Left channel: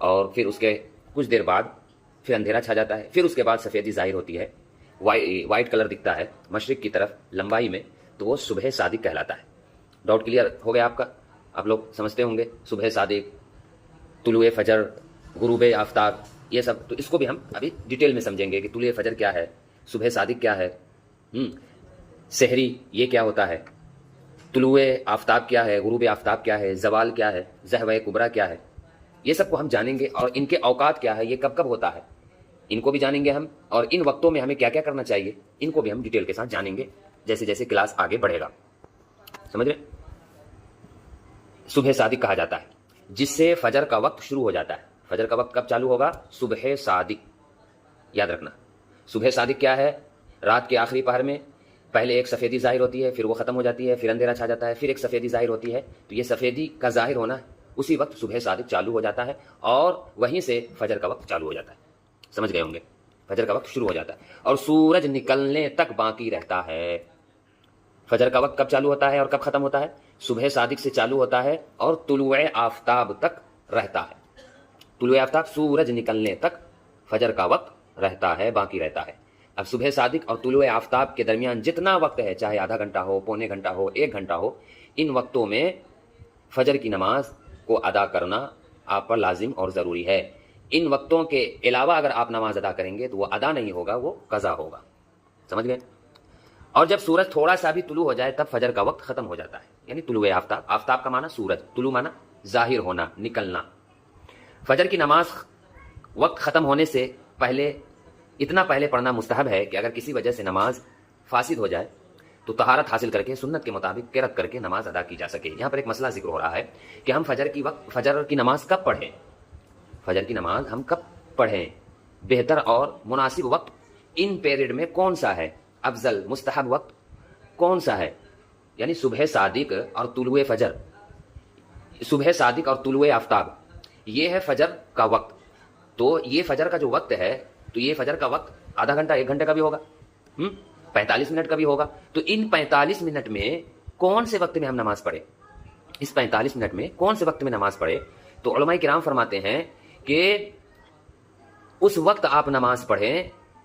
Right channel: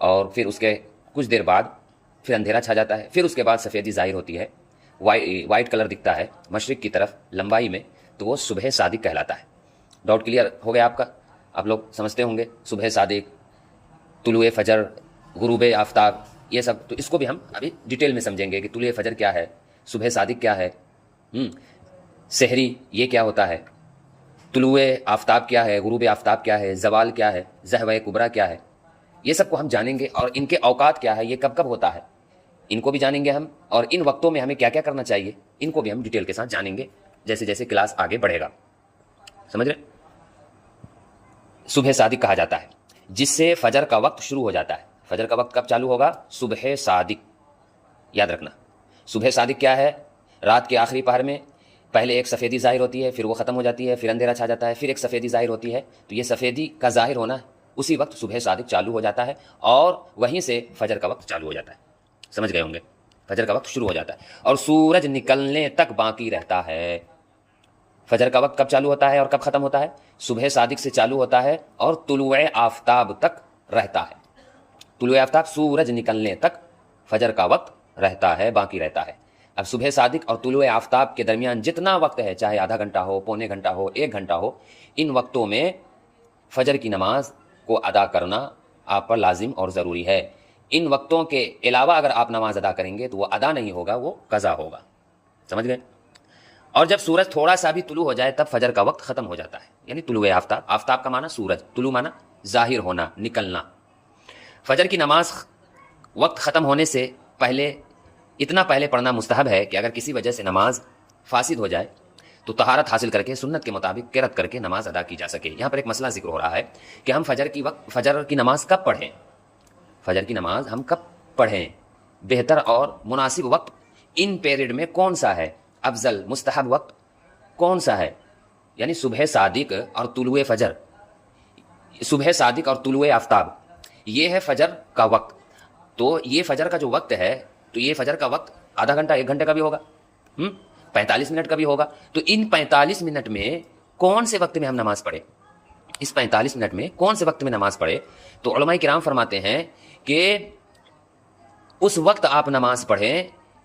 اور پھر اس کے کچھ دیر بعد پھر اندھیرا چھا جاتا ہے، پھر اس کے بعد سفیدی ظاہر ہوتی ہے، وائٹ کلر دکھتا ہے مشرق کی طرف لمبائی میں، تو وہ صبح صادق کہلاتا ہے۔ ڈاؤٹ کلیئر ہو گیا آپ کا؟ آپ لوگ سمجھتے ہوں گے صبح صادق، طلوع فجر، غروب آفتاب، یہ سب تو اس کو بھی ہم ابھی ڈیٹیل میں سمجھیں گے کہ طلوع فجر کیا ہے، صبح صادق کیا ہے، سحری یہ کیا ہوتا ہے، طلوع آفتاب کیا ہے، غروب آفتاب کیا ہے، زوال کیا ہے، زحوہ کبریٰ کیا ہے، یہ سب کو ہم جانیں گے، اور ان کے اوقات کیا ہے، یہ کب کب ہوتا ہے، ان کو بھی جانیں گے ہم، اور ان وقتوں میں ہمیں کیا کیا کرنا چاہیے ان کو بھی ہم ڈیٹیل کے ساتھ جانیں گے جیسے جیسے کلاس آگے بڑھے گا۔ سمجھ رہے؟ صبح صادق کہا جاتا ہے جس سے فجر کا وقت شروع ہو جاتا ہے۔ فجر کا وقت کب چالو ہوگا؟ صبح صادق، یاد رکھنا۔ صبح صادق کیا ہے؟ رات کے آخری پہر میں پہلے ایک سفیدی ظاہر ہوتی ہے، پھر وہ ختم ہو جاتی ہے، پھر اندھیرا چھا جاتا ہے، پھر ایک سفیدی ظاہر ہوتی ہے، تو یہ سفیدی کا ظاہر ہونا اسی وقت صبح صادق چالو ہو جاتا ہے، اور وہیں سے فجر کا وقت چالو ہو جاتا ہے۔ سمجھ گئے ہوں گے؟ فجر کا وقت شروع ہو جاتا ہے اور سورج نکلنے تک باقی رہتا ہے۔ فجر کا وقت کب چالو ہوتا ہے اور کب ختم ہوتا ہے؟ صبح صادق سے چالو ہوتا ہے اور طلوع آفتاب تک رہتا ہے۔ طلوع آفتاب، سورج نکلنے تک فجر کا وقت رہتا ہے، باقی رہتا ہے۔ اب صبح صادق اور طلوع آفتاب کے درمیان جتنا وقت ہے، چاہے آدھا گھنٹہ ہو، پونے گھنٹہ ہو، 1 گھنٹہ ہو، ان وقتوں میں فجر کی نماز کو ادا کرنا آپ پر لازم اور ضروری ہے۔ ان وقتوں کے علاوہ اگر آپ نماز ادا کریں گے تو وہ ادا نہیں ہوگا، وہ قضا ہوگا۔ سمجھ گئے؟ اور جب سورج تھوڑا سا بھی طلوع ہو جائے تب فجر کا وقت ختم ہو جاتا ہے، یعنی طلوع آفتاب، آفتاب کا معنی سورج، طلوع معنی ظاہر ہونا، نکلنا۔ فجر کی نماز وقت ختم ہونے سے پہلے اتنا پہلے پڑھنا مستحب ہے کہ اگر کسی وجہ سے نماز فاسد ہو جائے تو طہارت حاصل کر کے سنت کے مطابق قرأت کر کے نماز ادا کی جا سکے۔ یہاں پر ایک مسئلہ ذکر ہو رہا ہے کہ ہم فجر کی نماز کب پڑھیں؟ فجر کی نماز ہم کب پڑھیں؟ بہتر اور مناسب وقت ان پیریڈ میں کون سا ہے؟ افضل مستحب وقت کون سا ہے؟ یعنی صبح صادق اور طلوع فجر، صبح صادق اور طلوع آفتاب، یہ ہے فجر کا وقت۔ تو یہ فجر کا جو وقت ہے، تو یہ فجر کا وقت آدھا گھنٹہ، 1 گھنٹے کا بھی ہوگا، 45 منٹ کا بھی ہوگا۔ تو ان 45 منٹ میں کون سے وقت میں ہم نماز پڑھیں؟ اس 45 منٹ میں کون سے وقت میں نماز پڑھے؟ تو علماء کرام فرماتے ہیں کہ اس وقت آپ نماز پڑھیں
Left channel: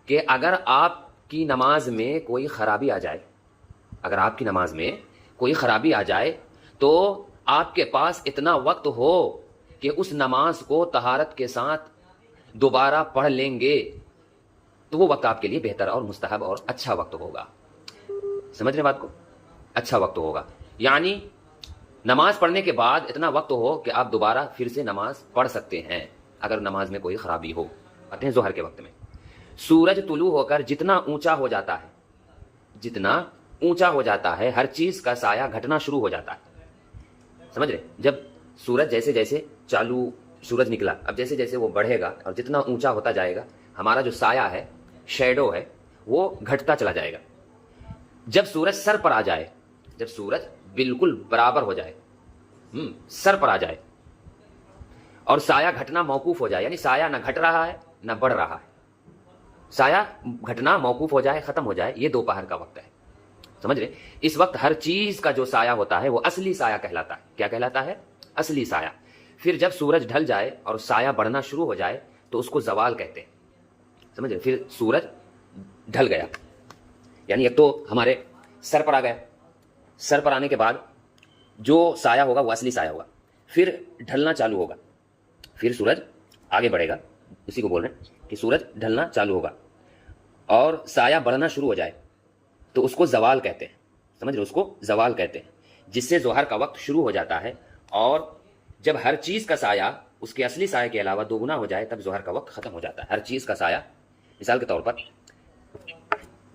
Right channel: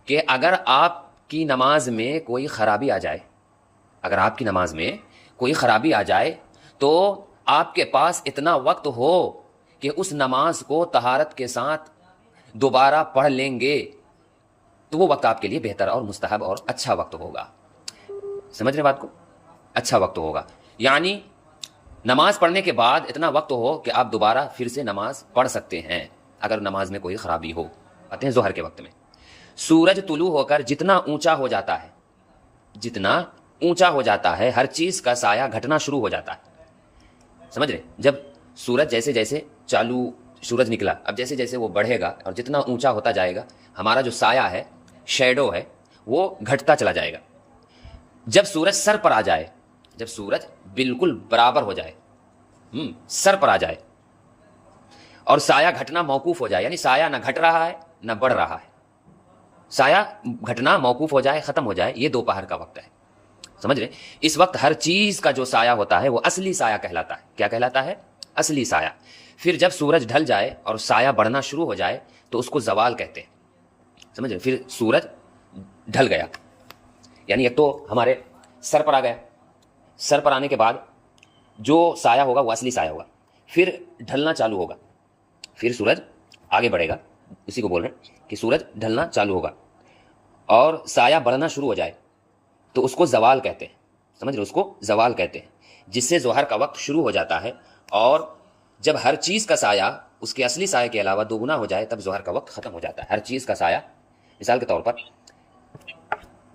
کہ اگر آپ کی نماز میں کوئی خرابی آ جائے، اگر آپ کی نماز میں کوئی خرابی آ جائے تو آپ کے پاس اتنا وقت ہو کہ اس نماز کو طہارت کے ساتھ دوبارہ پڑھ لیں گے، تو وہ وقت آپ کے لیے بہتر اور مستحب اور اچھا وقت ہوگا۔ سمجھ رہے بات کو؟ اچھا وقت ہوگا، یعنی نماز پڑھنے کے بعد اتنا وقت ہو کہ آپ دوبارہ پھر سے نماز پڑھ سکتے ہیں اگر نماز میں کوئی خرابی ہو۔ آتے ہیں ظہر کے وقت میں، سورج طلوع ہو کر جتنا اونچا ہو جاتا ہے، جتنا اونچا ہو جاتا ہے، ہر چیز کا سایہ گھٹنا شروع ہو جاتا ہے۔ سمجھ رہے؟ جب سورج جیسے جیسے سورج نکلا، اب جیسے جیسے وہ بڑھے گا اور جتنا اونچا ہوتا جائے گا، ہمارا جو سایہ ہے، شیڈو ہے، وہ گھٹتا چلا جائے گا۔ جب سورج سر پر آ جائے، جب سورج بالکل برابر ہو جائے، سر پر آ جائے اور سایہ گھٹنا موقوف ہو جائے، یعنی سایہ نہ گھٹ رہا ہے نہ بڑھ رہا ہے، سایہ گھٹنا موقوف ہو جائے، ختم ہو جائے، یہ دوپہر کا وقت ہے۔ سمجھ رہے؟ اس وقت ہر چیز کا جو سایہ ہوتا ہے وہ اصلی سایہ کہلاتا ہے۔ کیا کہلاتا ہے؟ اصلی سایہ۔ پھر جب سورج ڈھل جائے اور سایہ بڑھنا شروع ہو جائے تو اس کو زوال کہتے ہیں۔ سمجھ رہے؟ پھر سورج ڈھل گیا، یعنی اب تو ہمارے سر پر آ گئے، سر پر آنے کے بعد جو سایہ ہوگا وہ اصلی سایہ ہوگا، پھر ڈھلنا چالو ہوگا، پھر سورج آگے بڑھے گا، اسی کو بول رہے ہیں کہ سورج ڈھلنا چالو ہوگا اور سایہ بڑھنا شروع ہو جائے تو اس کو زوال کہتے ہیں۔ سمجھ رہے؟ اس کو زوال کہتے ہیں، جس سے ظہر کا وقت شروع ہو جاتا ہے، اور جب ہر چیز کا سایہ اس کے اصلی سایہ کے علاوہ دوگنا ہو جائے تب ظہر کا وقت ختم ہو جاتا ہے۔ ہر چیز کا سایہ، مثال کے طور پر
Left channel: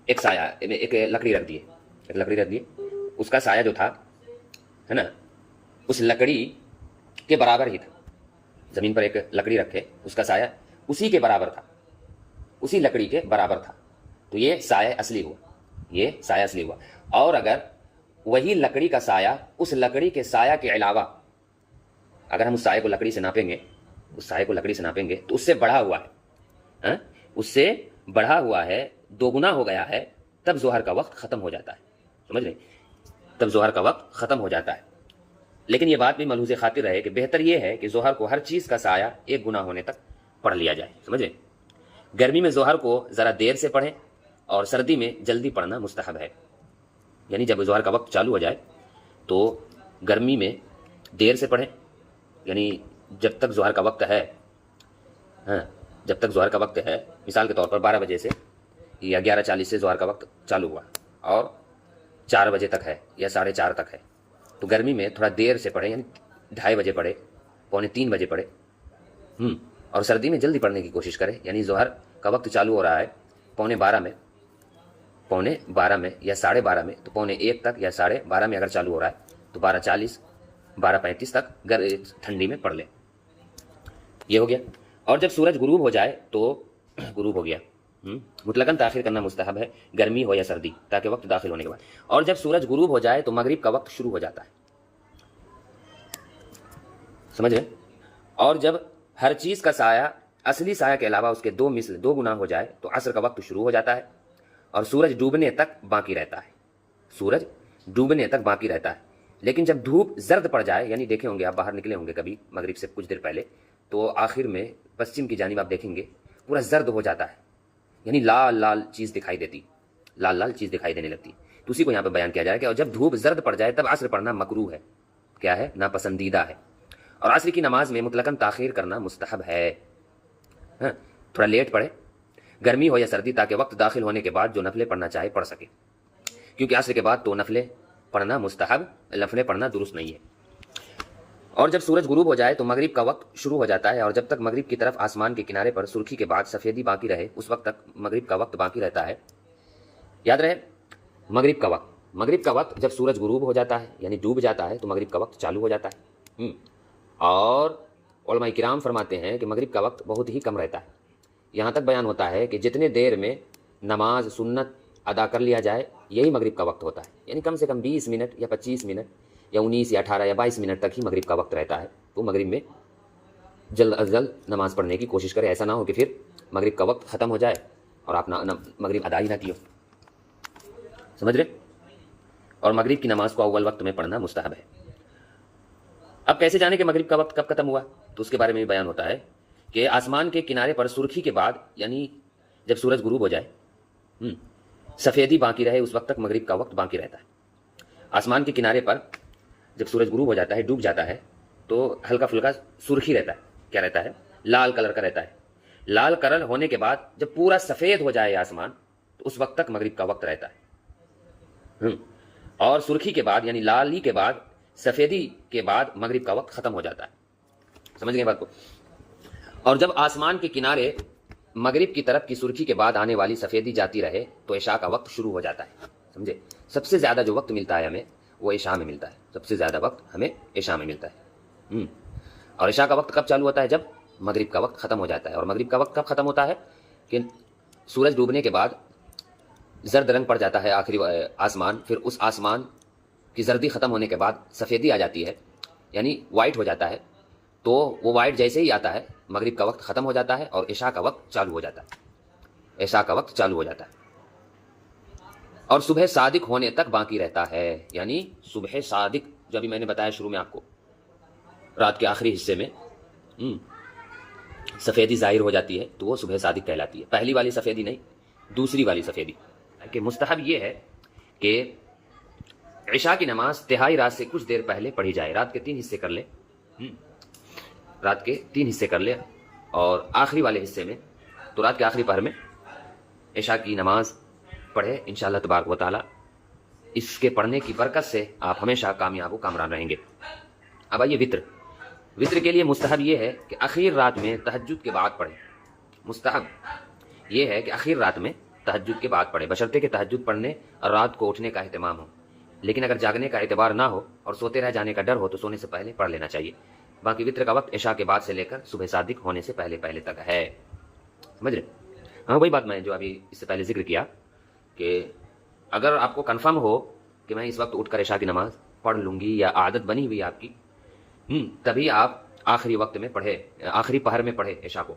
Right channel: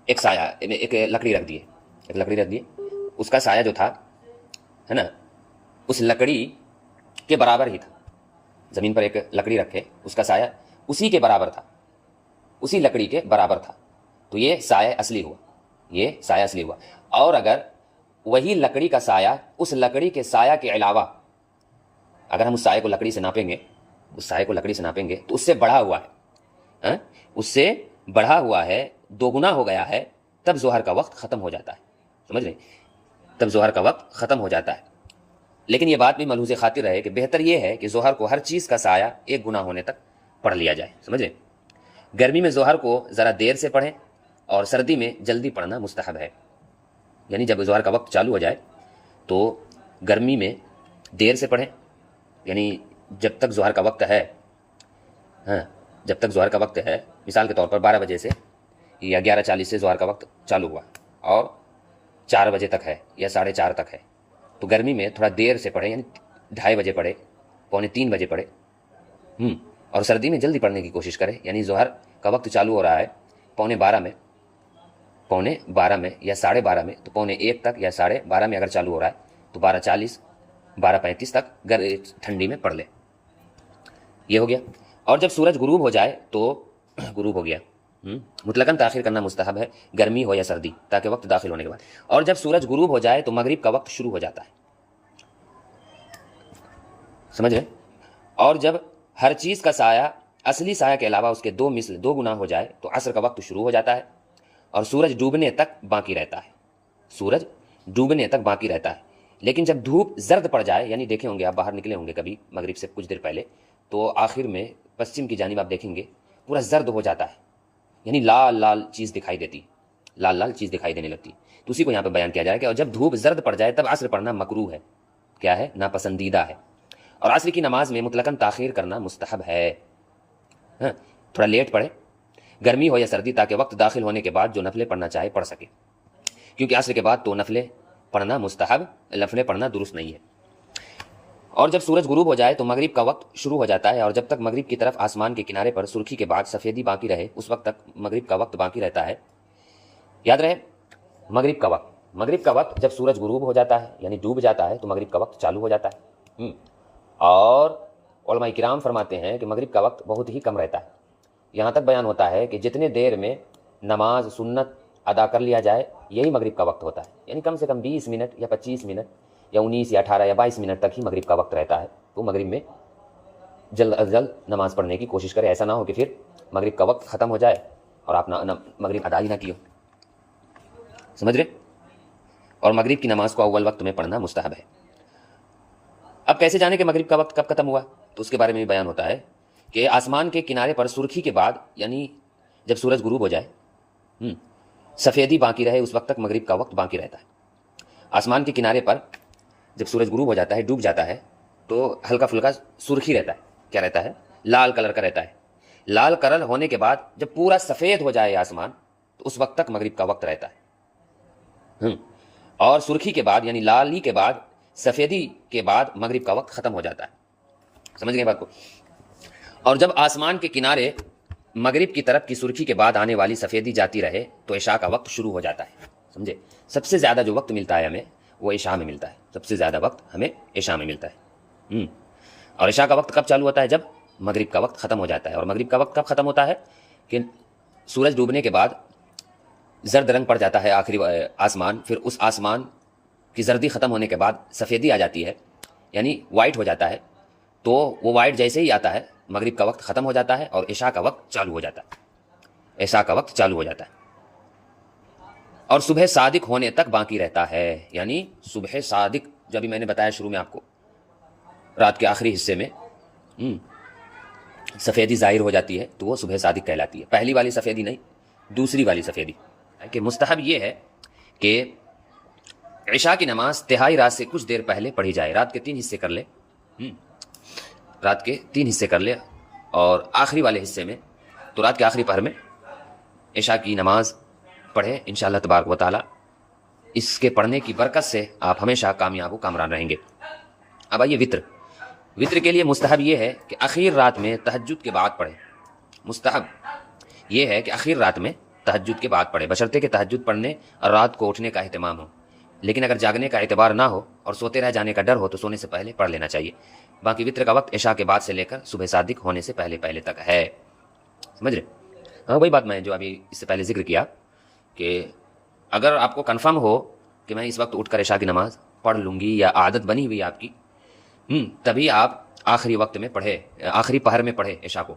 ایک سایہ، ایک لکڑی رکھ دیے، اس کا سایہ جو تھا ہے نا، اس لکڑی کے برابر ہی تھا۔ زمین پر ایک لکڑی رکھے، اس کا سایہ اسی کے برابر تھا، اسی لکڑی کے برابر تھا، تو یہ سایہ اصلی ہوا، یہ سایہ اصلی ہوا۔ اور اگر وہی لکڑی کا سایہ اس لکڑی کے سایہ کے علاوہ، اگر ہم اس سایہ کو لکڑی سے ناپیں گے، اس سایہ کو لکڑی سے ناپیں گے تو اس سے بڑھا ہوا ہے، اس سے بڑھا ہوا ہے، دوگنا ہو گیا ہے، تب ظہر کا وقت ختم ہو جاتا ہے۔ سمجھ لیں؟ تب ظہر کا وقت ختم ہو جاتا ہے۔ لیکن یہ بات بھی ملحوظ خاطر رہے کہ بہتر یہ ہے کہ ظہر کو ہر چیز کا سایہ ایک گنا ہونے تک پڑھ لیا جائے. سمجھے؟ گرمی میں ظہر کو ذرا دیر سے پڑھیں اور سردی میں جلدی پڑھنا مستحب ہے. یعنی جب ظہر کا وقت چالو ہو جائے تو گرمی میں دیر سے پڑھیں، یعنی جب تک ظہر کا وقت ہے، جب تک ظہر کا وقت ہے، مثال کے طور پر 12 بجے سے یا 11:40 سے ظہر کا وقت چالو ہوا اور 4 بجے تک ہے یا 4:30 تک ہے، تو گرمی میں تھوڑا دیر سے پڑھیں، یعنی 2:30 بجے پڑھے، 2:45 بجے پڑھے. اور سردی میں جلدی پڑھنے کی کوشش کریں، یعنی ظہر کا وقت چالو ہو رہا ہے 12:15 میں، 12:15 میں یا 12:30 میں، تو 1:45 تک یا 12:30 میں اگر چالو ہو رہا ہے تو 12:40 12:35 تک ٹھنڈی میں پڑھ لیں. یہ ہو گیا. اور جب سورج غروب ہو جائے تو غروب ہو گیا، مطلقاً تاخیر کرنا مستحب ہے، گرمی ہو یا سردی، تاکہ وقت داخل ہونے کے بعد. اور جب سورج غروب ہو جائے تو مغرب کا وقت شروع ہو جاتا ہے. سمجھ رہے؟ اور جب ہر چیز کا سایہ اصلی سایہ کے علاوہ اس کے 2 گنا ہو جائے تو عصر کا وقت شروع ہو جاتا ہے اور سورج ڈوبنے تک باقی رہتا ہے. سورج ڈوبنے تک باقی رہتا ہے. لیکن جب دھوپ زرد پڑ جائے، یعنی دیکھے ہوں گے آپ، باہر نکلے ہوں گے کبھی مغرب سے کچھ دیر پہلے، تو آخر میں پشچم کی جانب آپ دیکھیں گے پورا زرد ہو جاتا ہے، یعنی لال لال چیز دکھائی دیتی، لال لال چیز دکھائی دینے لگتی. تو اسی کو یہاں پہ بیان کیا جائے کہ اور جب دھوپ زرد پڑ جائے تب عصر پڑھنا مکروہ ہے. کیا ہے؟ ناپسندیدہ ہے. اور عصر کی نماز میں مطلقاً تاخیر کرنا مستحب ہے. تھوڑا لیٹ پڑھے، گرمی ہو یا سردی، تاکہ وقت داخل ہونے کے بعد جو نفلیں پڑھنا چاہے پڑھ سکے، کیونکہ عصر کے بعد تو نفلیں پڑھنا مستحب، نفلیں پڑھنا درست نہیں ہے. اور جب سورج غروب ہو جائے تو مغرب کا وقت شروع ہو جاتا ہے، اور جب تک مغرب کی طرف آسمان کے کنارے پر سرخی کے بعد سفیدی باقی رہے اس وقت تک مغرب کا وقت باقی رہتا ہے. یاد رہے، مغرب کا وقت جب سورج غروب ہو جاتا ہے یعنی ڈوب جاتا ہے تو مغرب کا وقت چالو ہو جاتا ہے. اور علماء کرام فرماتے ہیں کہ مغرب کا وقت بہت ہی کم رہتا ہے. یہاں تک بیان ہوتا ہے کہ جتنے دیر میں نماز سنت ادا کر لیا جائے یہی مغرب کا وقت ہوتا ہے، یعنی کم سے کم 20 منٹ یا 25 منٹ یا 19 یا 18 یا 22 منٹ تک ہی مغرب کا وقت رہتا ہے. تو مغرب میں جلد از جلد نماز پڑھنے کی کوشش کرے، ایسا نہ ہو کہ پھر مغرب کا وقت ختم ہو جائے اور آپ مغرب ادا ہی نہ کیے. سمجھ رہے؟ اور مغرب کی نماز کو اول وقت میں پڑھنا مستحب ہے. اب کیسے جانے کہ مغرب کا وقت کب ختم ہوا؟ تو اس کے بارے میں بھی بیان ہوتا ہے کہ آسمان کے کنارے پر سرخی کے بعد، یعنی جب سورج غروب ہو جائے، سفیدی باقی رہے اس وقت تک مغرب کا وقت باقی رہتا ہے. آسمان کے کنارے پر جب سورج غروب ہو جاتا ہے، ڈوب جاتا ہے، تو ہلکا پھلکا سرخی رہتا ہے. کیا رہتا ہے؟ لال کلر کا رہتا ہے. لال کلر ہونے کے بعد جب پورا سفید ہو جائے آسمان تو اس وقت تک مغرب کا وقت رہتا ہے. اور سرخی کے بعد، یعنی لالی کے بعد، سفیدی کے بعد مغرب کا وقت ختم ہو جاتا ہے. سمجھ گئے بات کو؟ اور جب آسمان کے کنارے مغرب کی طرف کی سرخی کے بعد آنے والی سفیدی جاتی رہے تو عشاء کا وقت شروع ہو جاتا ہے. سمجھے؟ سب سے زیادہ جو وقت ملتا ہے ہمیں وہ عشاء میں ملتا ہے. سب سے زیادہ وقت ہمیں عشاء میں ملتا ہے. اور عشاء کا وقت کب چالو ہوتا ہے؟ جب مغرب کا وقت ختم ہو جاتا ہے. اور مغرب کا وقت کب ختم ہوتا ہے؟ کہ سورج ڈوبنے کے بعد زرد رنگ پڑ جاتا ہے آخری آسمان، پھر اس آسمان کی زردی ختم ہونے کے بعد سفیدی آ جاتی ہے، یعنی وائٹ ہو جاتا ہے. تو وہ وائٹ جیسے ہی آتا ہے مغرب کا وقت ختم ہو جاتا ہے اور عشاء کا وقت چالو ہو جاتا ہے. عشاء کا وقت چالو ہو جاتا ہے اور صبح صادق ہونے تک باقی رہتا ہے. یعنی صبح صادق جو ابھی میں نے بتایا شروع میں آپ کو، رات کے آخری حصے میں سفیدی ظاہر ہو جاتی ہے تو وہ صبح صادق کہلاتی ہے. پہلی والی سفیدی نہیں، دوسری والی سفیدی. کہ مستحب یہ ہے کہ عشاء کی نماز تہائی رات سے کچھ دیر پہلے پڑھی جائے. رات کے 3 حصے کر لے، رات کے 3 حصے کر لے، اور آخری والے حصے میں تو رات کے آخری پہر میں عشاء کی نماز پڑھے. انشاءاللہ تبارک و تعالی اس کے پڑھنے کی برکت سے آپ ہمیشہ کامیاب و کامران رہیں گے. اب آئیے وطر کے لیے مستحب یہ ہے کہ اخیر رات میں تہجد کے بعد پڑھے. مستحب یہ ہے کہ اخیر رات میں تہجد کے بعد پڑھے، بشرطے کہ تہجد پڑھنے اور رات کو اٹھنے کا اہتمام ہو. لیکن اگر جاگنے کا اعتبار نہ ہو اور سوتے رہ جانے کا ڈر ہو تو سونے سے پہلے پڑھ لینا چاہیے. باقی وطر کا وقت عشاء کے بعد سے لے کر صبح صادق ہونے سے پہلے تک ہے. سمجھ رہے؟ ہاں، وہی بات میں جو ابھی اس سے پہلے ذکر کیا کہ اگر آپ کو کنفرم ہو کہ میں اس وقت اٹھ کر عشاء کی نماز پڑھ لوں گی یا عادت بنی ہوئی آپ کی، تبھی آپ آخری وقت میں پڑھے، آخری پہر میں پڑھے عشاء کو.